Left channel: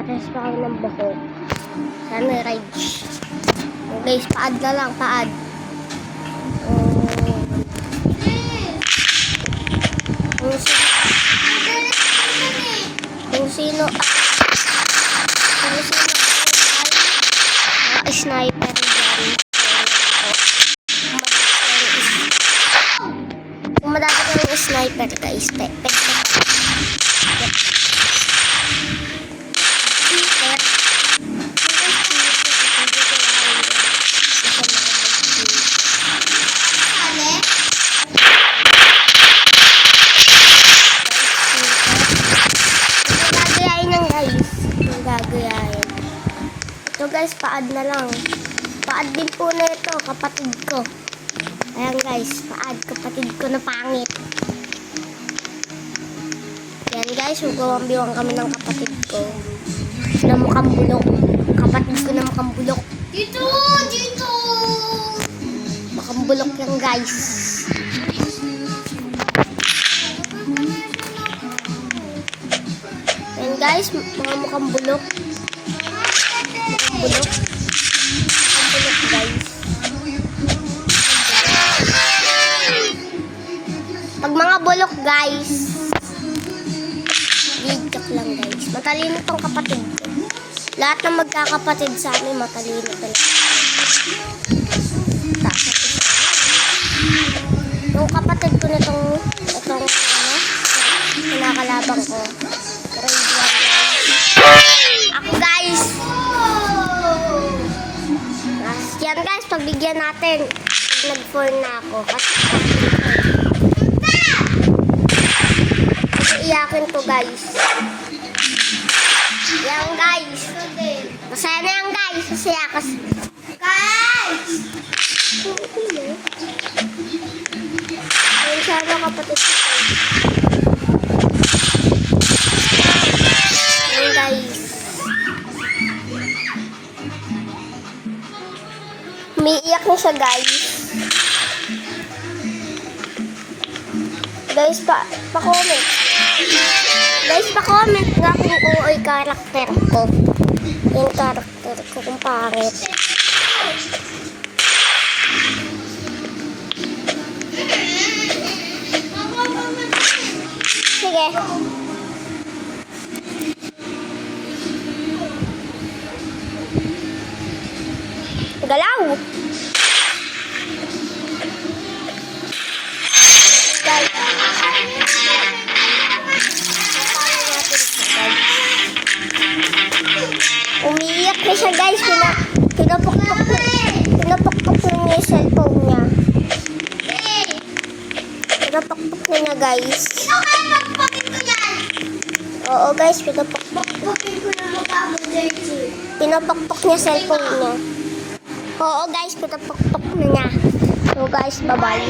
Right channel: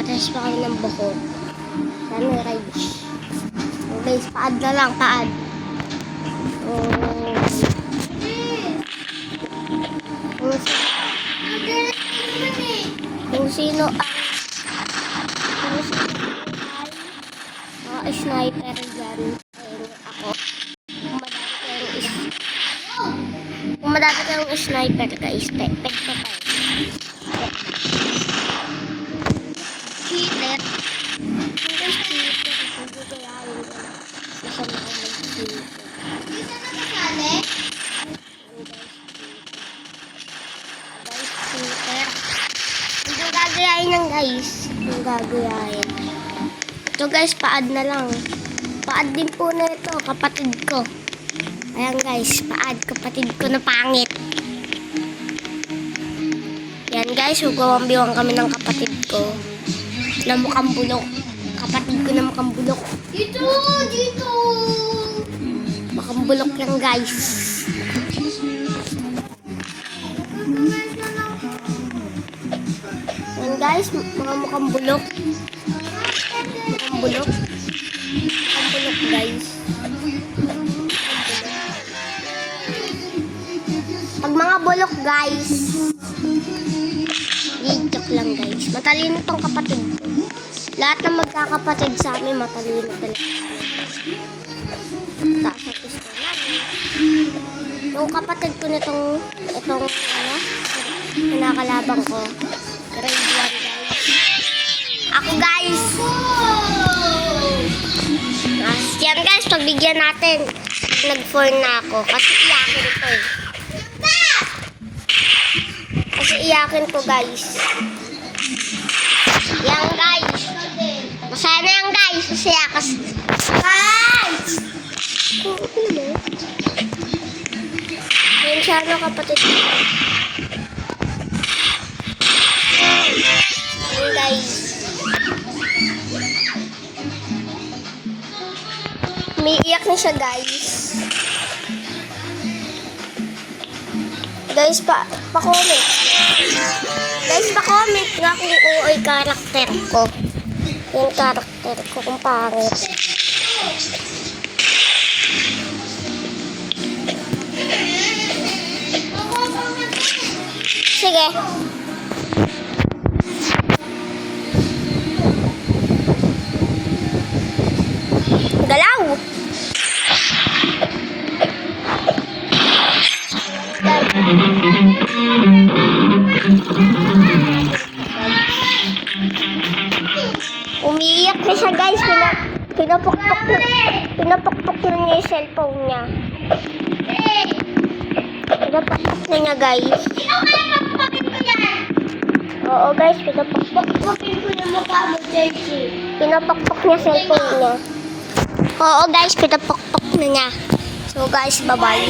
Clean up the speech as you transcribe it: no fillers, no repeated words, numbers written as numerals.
Patas pa kami ng buhok. Sana ride. Guys, paad na lang, paad. Kung sino ang sniper dyan. Kung madami kang sniper guys, pwede ka. Gagayahin. Ito guys, paad na lang. Paad din po na ito, kapatid ko. Ayan guys, paad, kapatid ko na pangit. Yan guys, hugawang-biwang kami ng kapatid ko. Na mukhang bulok. Kapatid ko na mukhang bulok. Dito! Mukhang bulok yan guys. Yan guys, mga mukhang bulok. Mukhang bulok. Mukhang bulok guys. Pag mga bulok guys, joke lang guys. Matalino tong kapatid ko. Lahat ng magkakapatid sa amin matalino talaga. Takot ko sa kanila. Yung kapatid ko nitong kinakalabang ko. Grade 1 guys. Ako guys. Yan guys, pagbigyan natin. Nag-4 na ako. Kasi iyakin ko eh. Kasi iyakin ko guys. Yan guys. Masaya na yan guys. Masaya kasi. Guys! Yan siya na kapatid ko. Umiiyak na siya guys. Guys, pa-comment. Guys, pa-comment nga kung uoy karakter ko. Yung karakter ko kung pangit. Sige. Galaw! Umiiyak na siya guys. Pinapukpok na niya yung cellphone niya. Pinapukpok na niya guys. Oo guys, pinapukpok. Pinapukpok niya cellphone niya. Oo guys, pinapukpok na niya. So guys, bye-bye.